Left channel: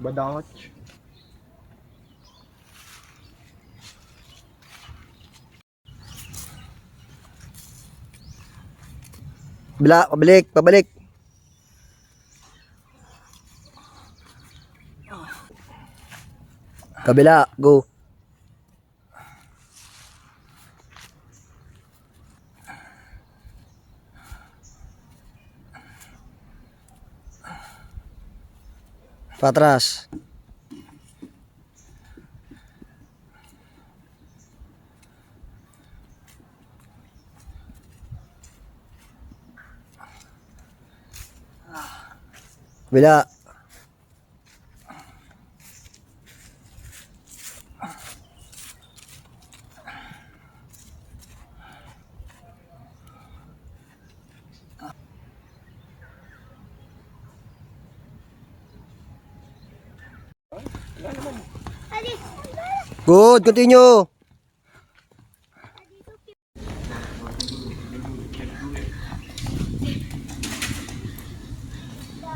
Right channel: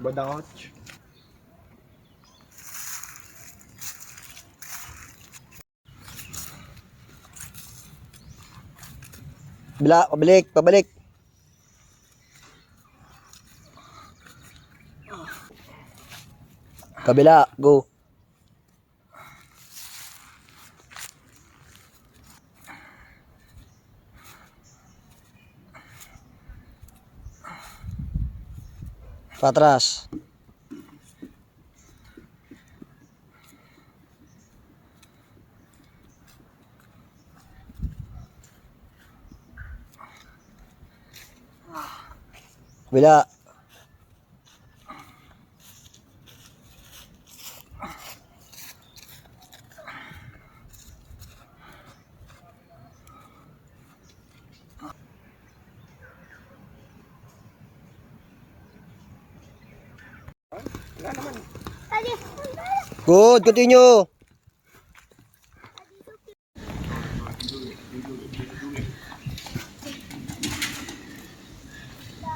Badach. Pabalik, pabalik. Kabila, go. Patras. Kabila. Good, continue.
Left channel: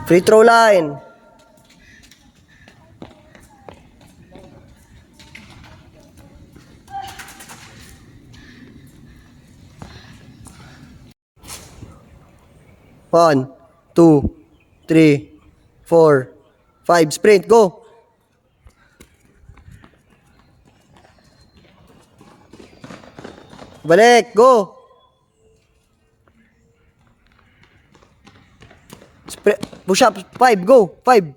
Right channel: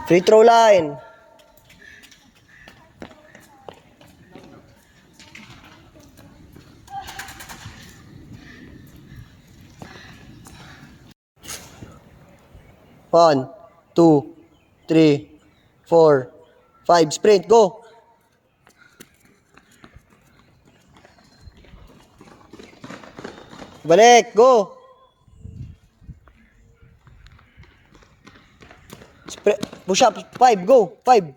Free throw line. One, two, three, four, five. Sprint, go. Balik, go. Push up, five, go. Five.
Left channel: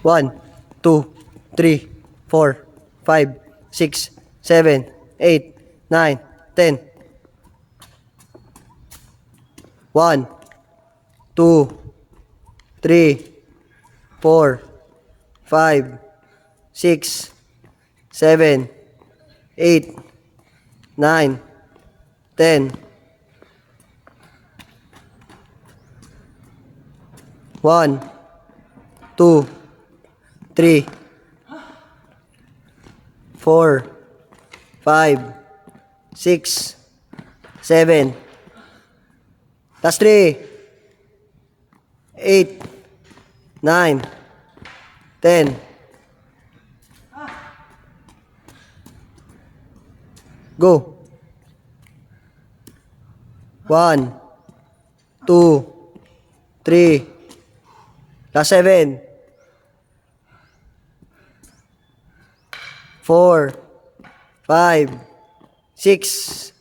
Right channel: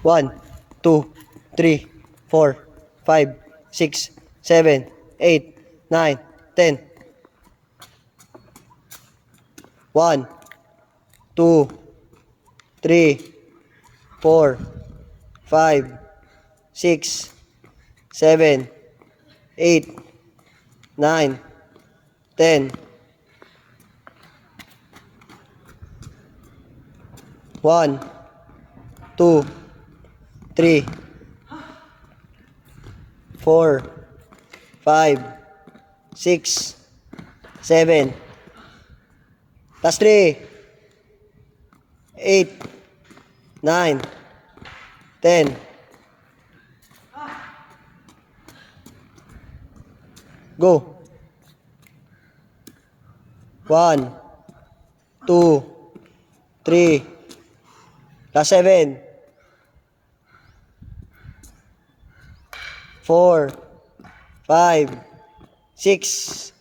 One, two, three, four, five, six, seven, eight, nine, 10. One, two, three, four, five, six, seven, eight, nine, 10. One, two, three, four, five, six, seven. That's 3, 8, 9, 10. Go. One, two, three. Last 7. 4, 5, 6.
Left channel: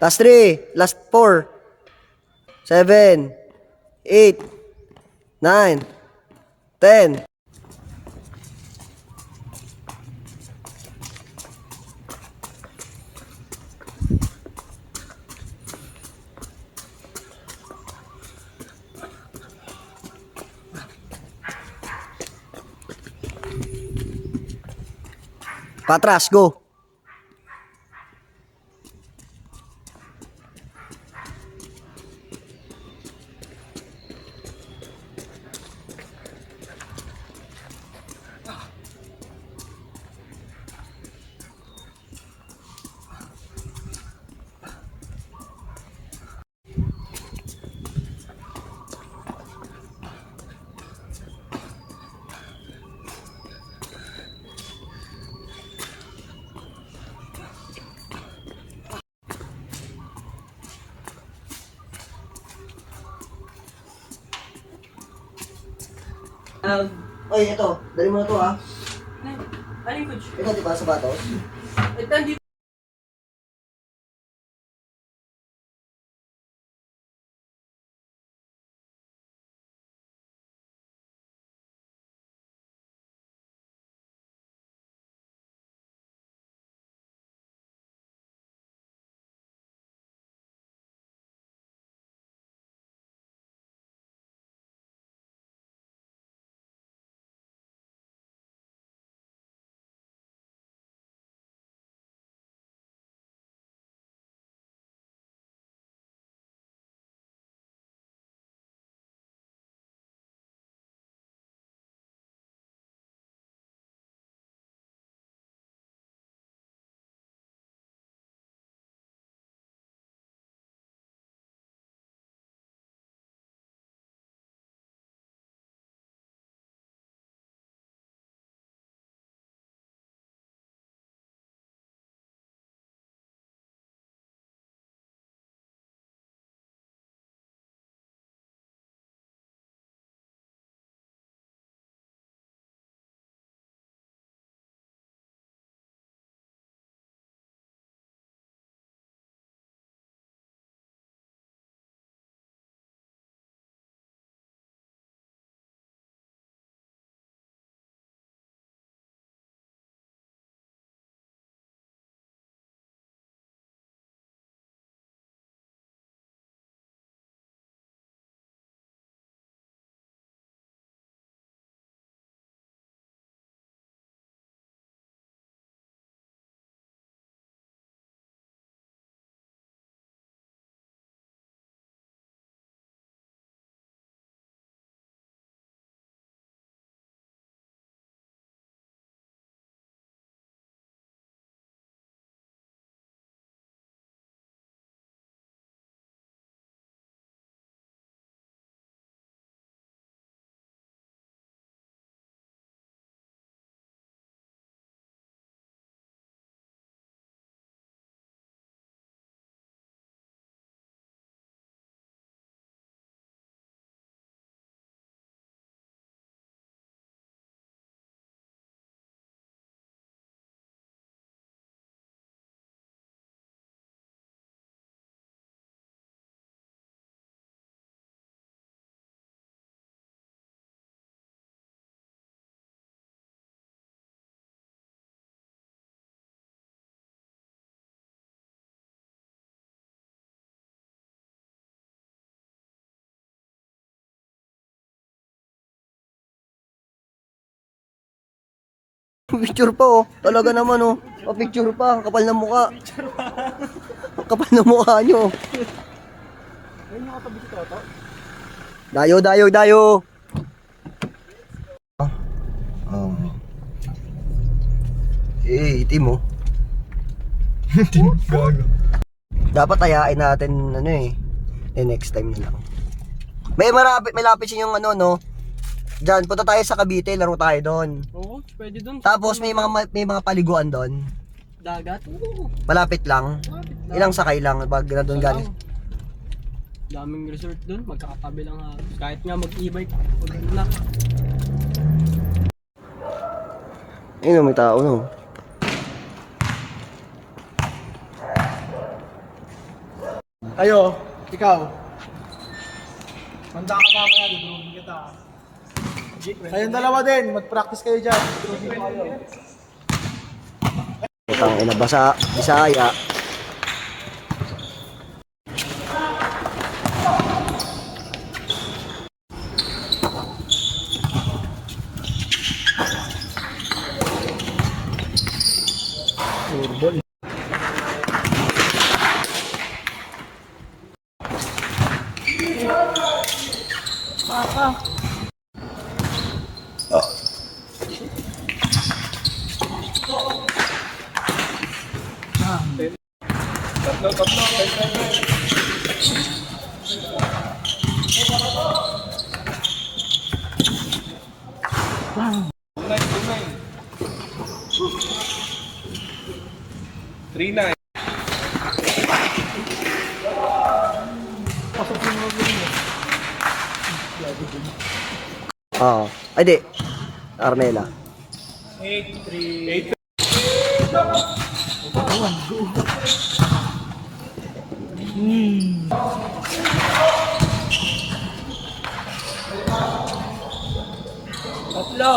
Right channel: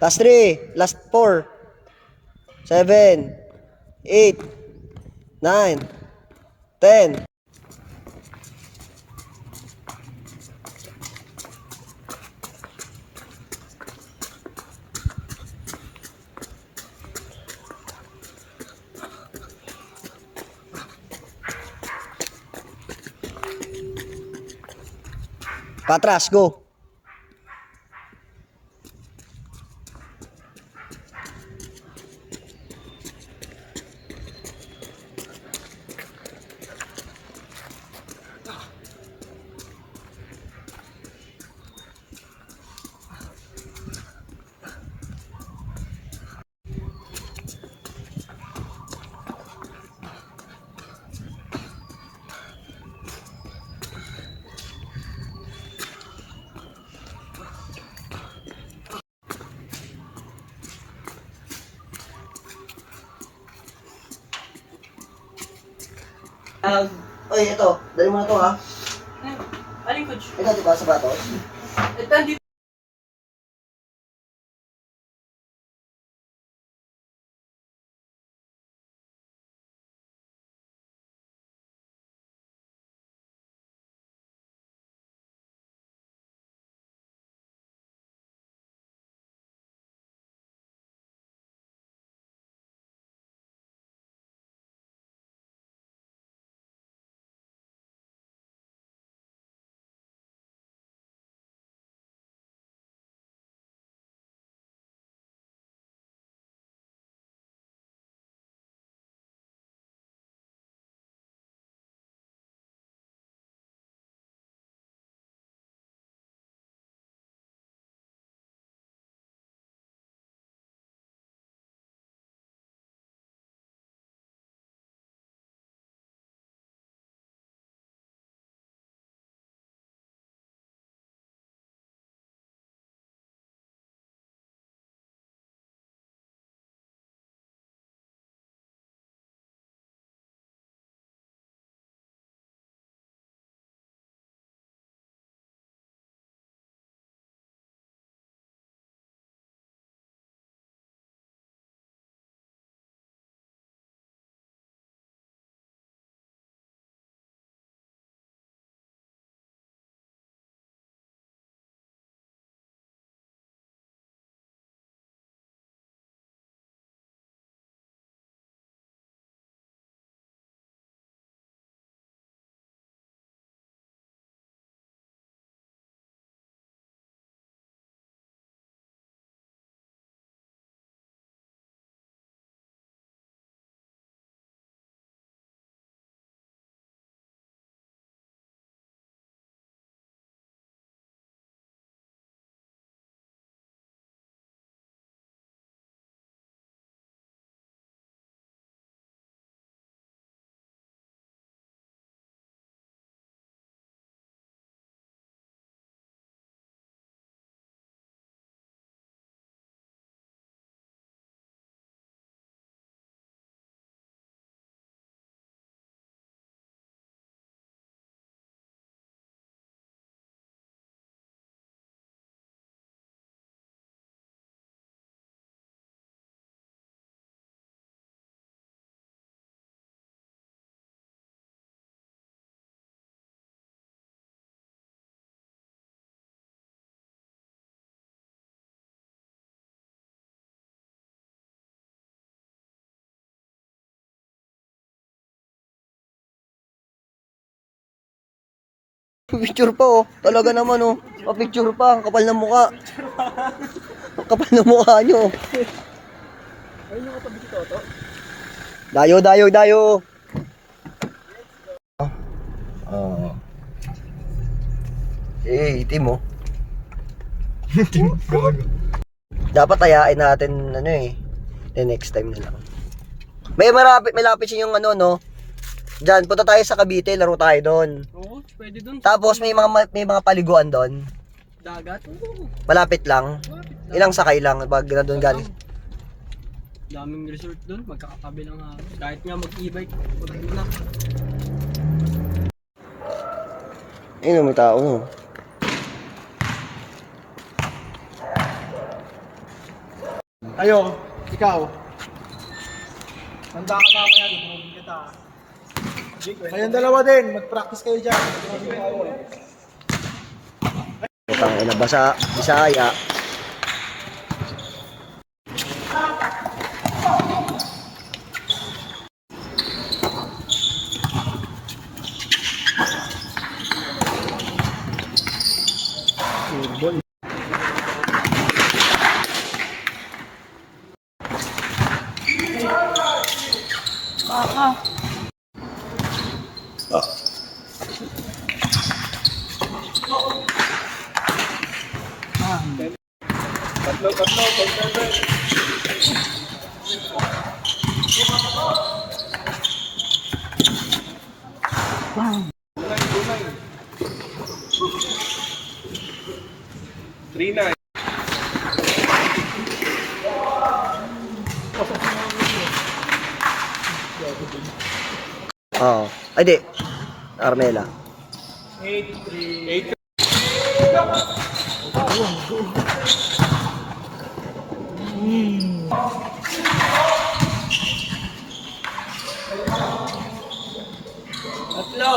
Last 3. Last 4. 7, 8, 9, 10. Patras, go. Oy, ito. Dali mo na to, ha. Aling coach? Ito, diba, sapatos? Ito, Picture pa oh. Talaga naman oh. Pa-picture pa. Ang kapal ng mukha. Ang kapal ng mukha nyo. Ay, nakatabi ko to. Dayo, dayo, dayo. Oh. Itim oh. Itim, gago. Dapat ayain natin ano eh. The next time na lang. May lapit siya yung ano no. Diyan, punta tayo sa Cavite, laro tayo doon. Oo, pwede dun. Tapos may mga paliguan doon. Dagat? Oo. Malapit lang. Malapit lang. Ilang sakay lang pag nandun galing. Daming resort dun, magkakatabi lang ako. Kahit nga mag-e-bike, pag ano na. Ayun, may tao no. Ayo, ikaw. Handa ka mamaya, dudurugin kita. Kayong dalawa din, mag-practice kayo dyan. Dudurugin ko kayo. Putang ina, basa, Bisaya. Turbol. Oo. Ay di. Armela. 8-3. Tatlo!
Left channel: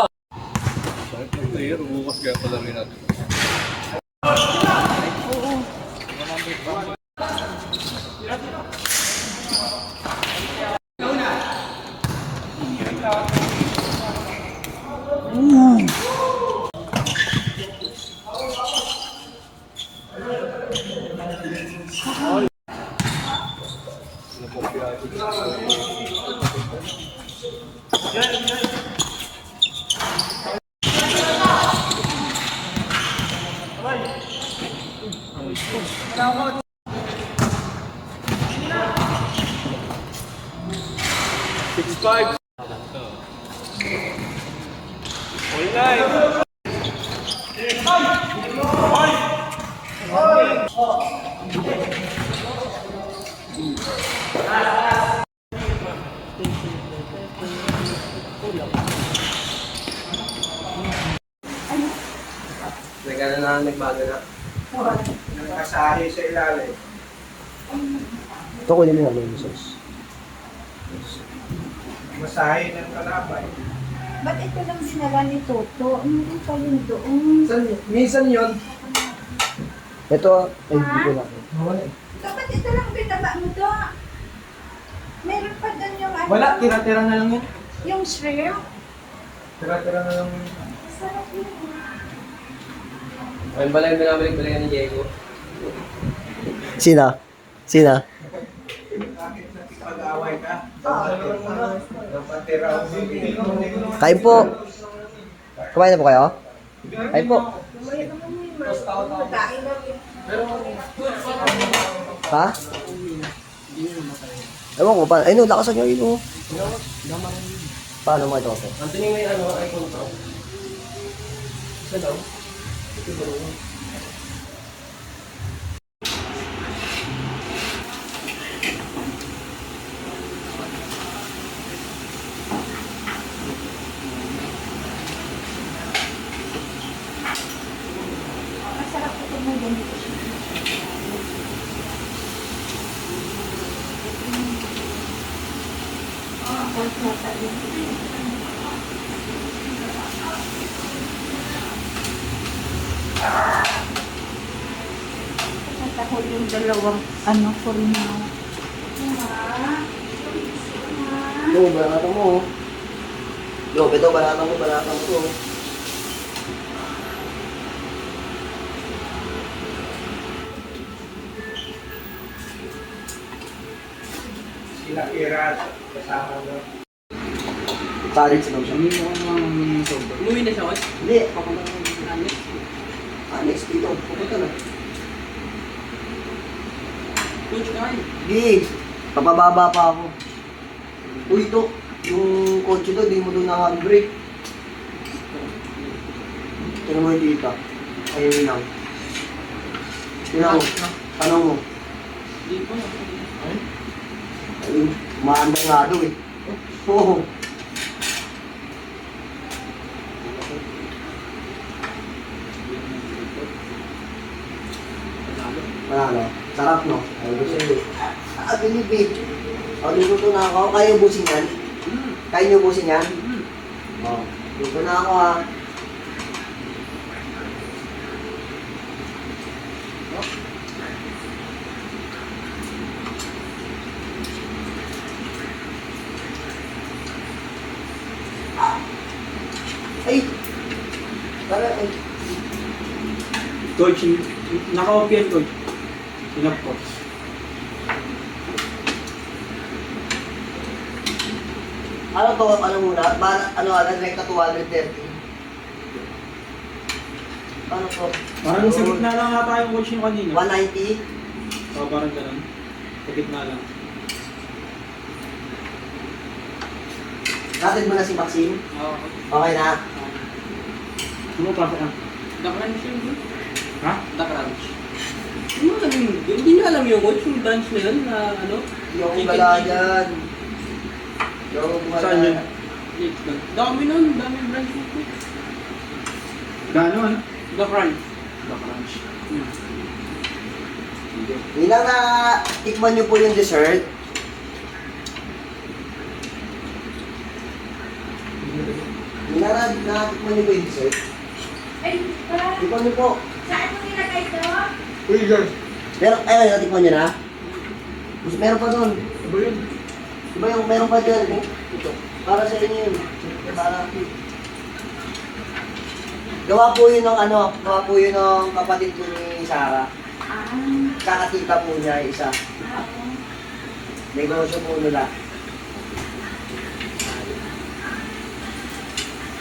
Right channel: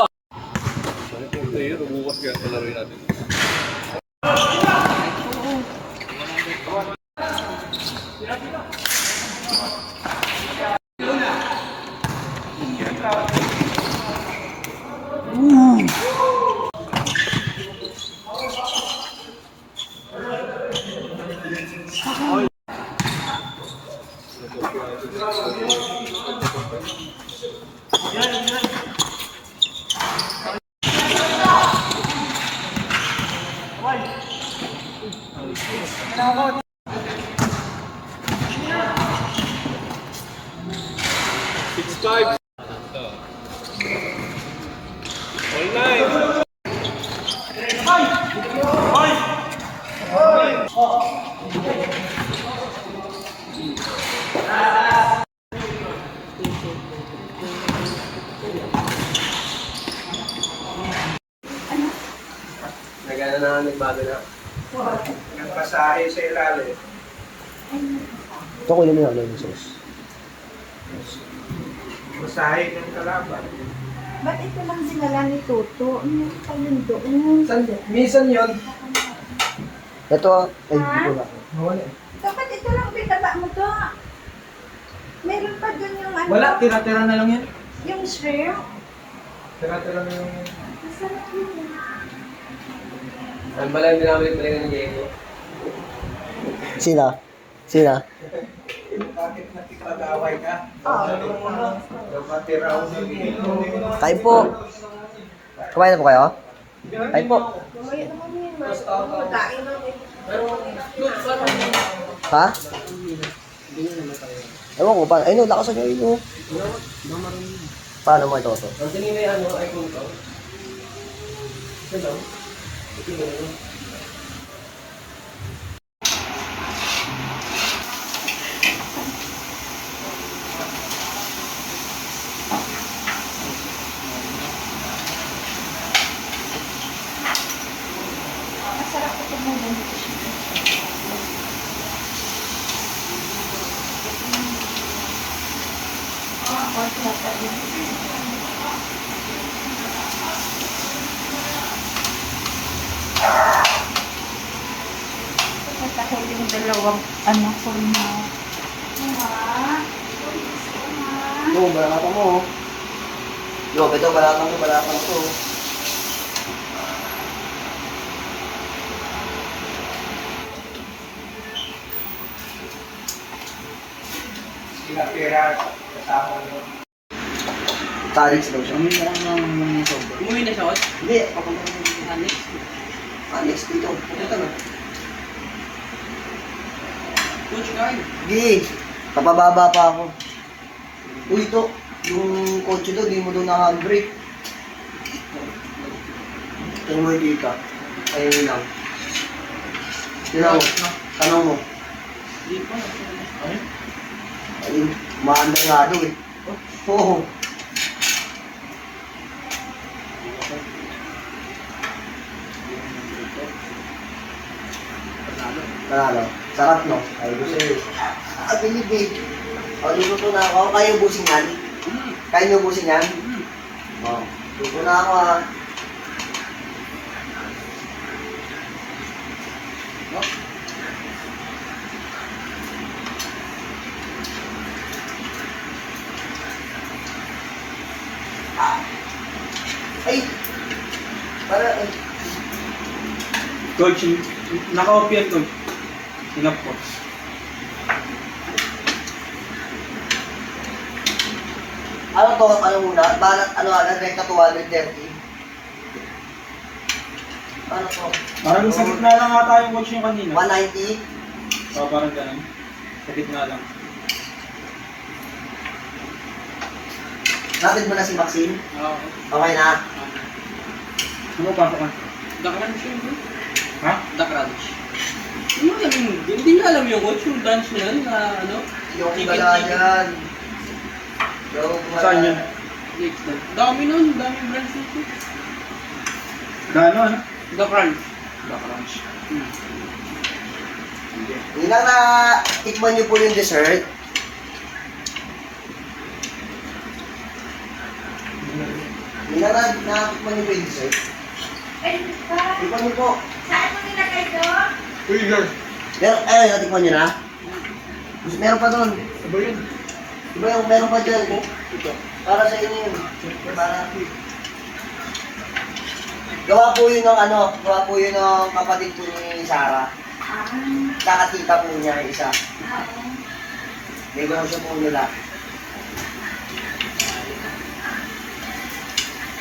Nagano na, nagbago na. Yung masahe sa ilalim. Ito ko yun yung ano yung sauce. Masahe ng kalaban. Ba't ito lang dinala ni Toto? Ano pa yun doon? Minsan yun. Ito ah. Ay, hindi ko na. Wala eh. Dapat ito lang binaba mo to. Meron pa doon yung ano? Wala, tira-tira na lang yan. Yung shrimp. Tira-tira na lang yan. Masarap yun. Ayun pala yung binabalik-balikan ni Diego. Sina? Sina? Bakit nakipag-away ka? Oo. Dapat tira ako sa Kain po. Kumain na po kayo? Kain po. Mamaya naman yun. Magkain natin. Ha? Ewan ko pa. Ay no, lakasan nyo yun oh. Paano mo ito? Ang tining na yung ano, iPhone to. Isa daw. Masarap ito mo ganito. Dahil yung dalawang anak ko rin na. Yo, balakang mo oh. Yo, beto balakang ko, balakang ko. College daw siya. Umuwi na siya, Coach? Hindi, papunta na. Next week. Next dito, pupunta na. Coach, kain. Hindi, papababa pa ako. Uy, ito, yung kotse daw, di mo daw na-handbrake. Tignan mo yung dita. Ayun lang. Tignan mo, tanong mo. Hindi po. Ayun, umaandar nga daw eh. Oo. Panalo. Sarap no? Ay, gusto yun. Bilib. Luto na ako. Kaya ubusin yan? Kaya niyo ubusin yan? Oo. Luto na ako ha. Ay! Para, ay. Coach, naka-off yan, Coach. Sinap ko. Ano to? Ano muna? Balat, ano agad? Rekta 230. Ano to? Parang sa gitna lang ata yung coach yung kanina. 190? So, parang ganun. Sa gitna lang. Rapid mo na si Maxine? Okay. Okay na? Ano pa ka? The Crunch yun, Coach. Ha? The Crunch. Hindi niya alam yung Coach, yung branch na yun na ano? Yung Chicken bala chicken. dyan. Yung bala. Saan yun? Next lang. Dami nun, daming branch na Coach. Ano, ano? The Crunch. The Crunch. Hindi lang na tikman nyo po yung dessert. Hindi lang na tikman nyo po yung dessert. Ay, pa. Tikman nyo po. Saan mo nilagay to? Uy, Lord. Pero, ayun, natikman nyo na. Meron pa doon. Ano yun? Diba yung meron pa dyan? Ito. Para sa inyo yun. Para. Gawa po yun ng ano, gawa po yun ng kapatid po ni Sarah. Ah, Kakatita po niya isa. oo. Negosyo po nila.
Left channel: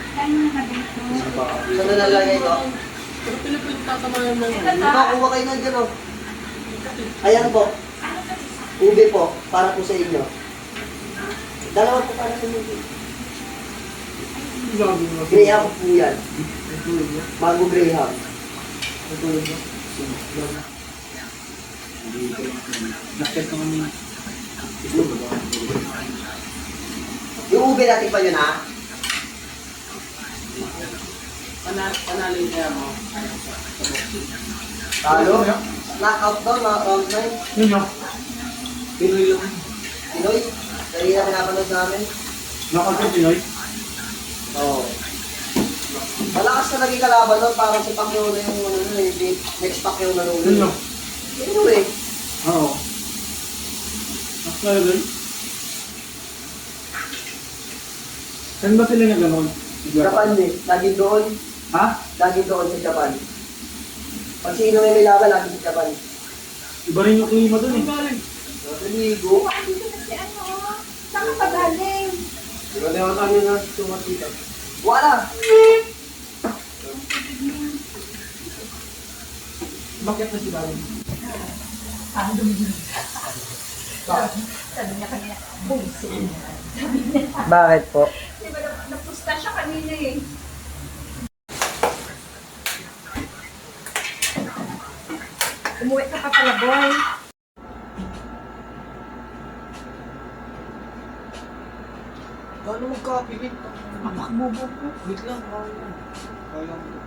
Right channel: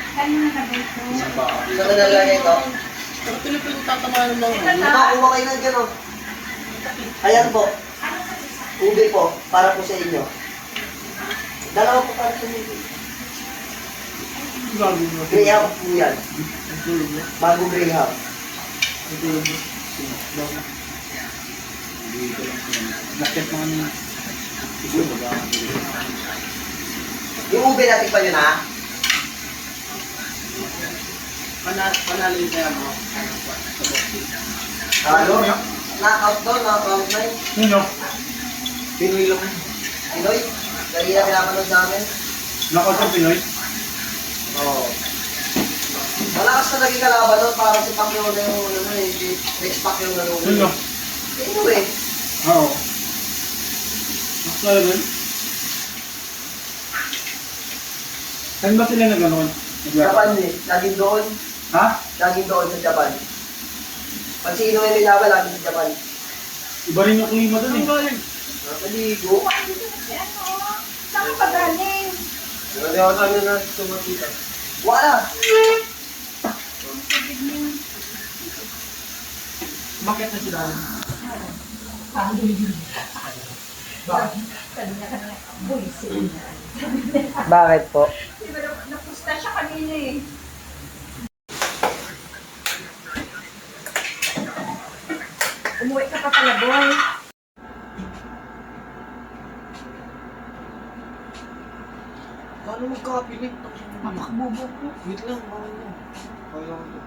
Saan mo nilagay to? So, nalalagay ko. Pero tuloy po yung tatama yung mga Ito Ito, kuha kayo ng dyan, oh. Ayan po. Ano sa isa? Ube po, para po sa inyo. Dalawa po para sa inyo. Graham po yan. Bago Graham. Nakit mo kanina. Yung ube natin pa yun, ha? Panalo yung kaya mo. Halo? Knockout doon, mga round 9. Ano? Pinoy lang. Pinoy? Kanina pinapanood namin. Nakot yung Pinoy? Oo. Malakas na naging kalaban doon, parang si Pacquiao na yung ano eh, next Pacquiao na Ano? nun. Pinoy eh. Oo. Mas talaga. Saan ba sila nag-ganon? Japan eh, laging doon. Ha? Laging doon sa Japan. Pag sino may laban, laging sa Japan. Iba rin yung klima dun eh. Nasa ligo. Oh, andito na si ano, oh. Saan ka pa galing? Ano na tumakita? Wala! Bakit na sila? Sabi niya kanina, buwisin. Bakit po? Di ba napusta siya kanina eh. Umuwi ka pa pala, boy. Paano magkapilit? Bobo ko. Wait lang, kaya ko.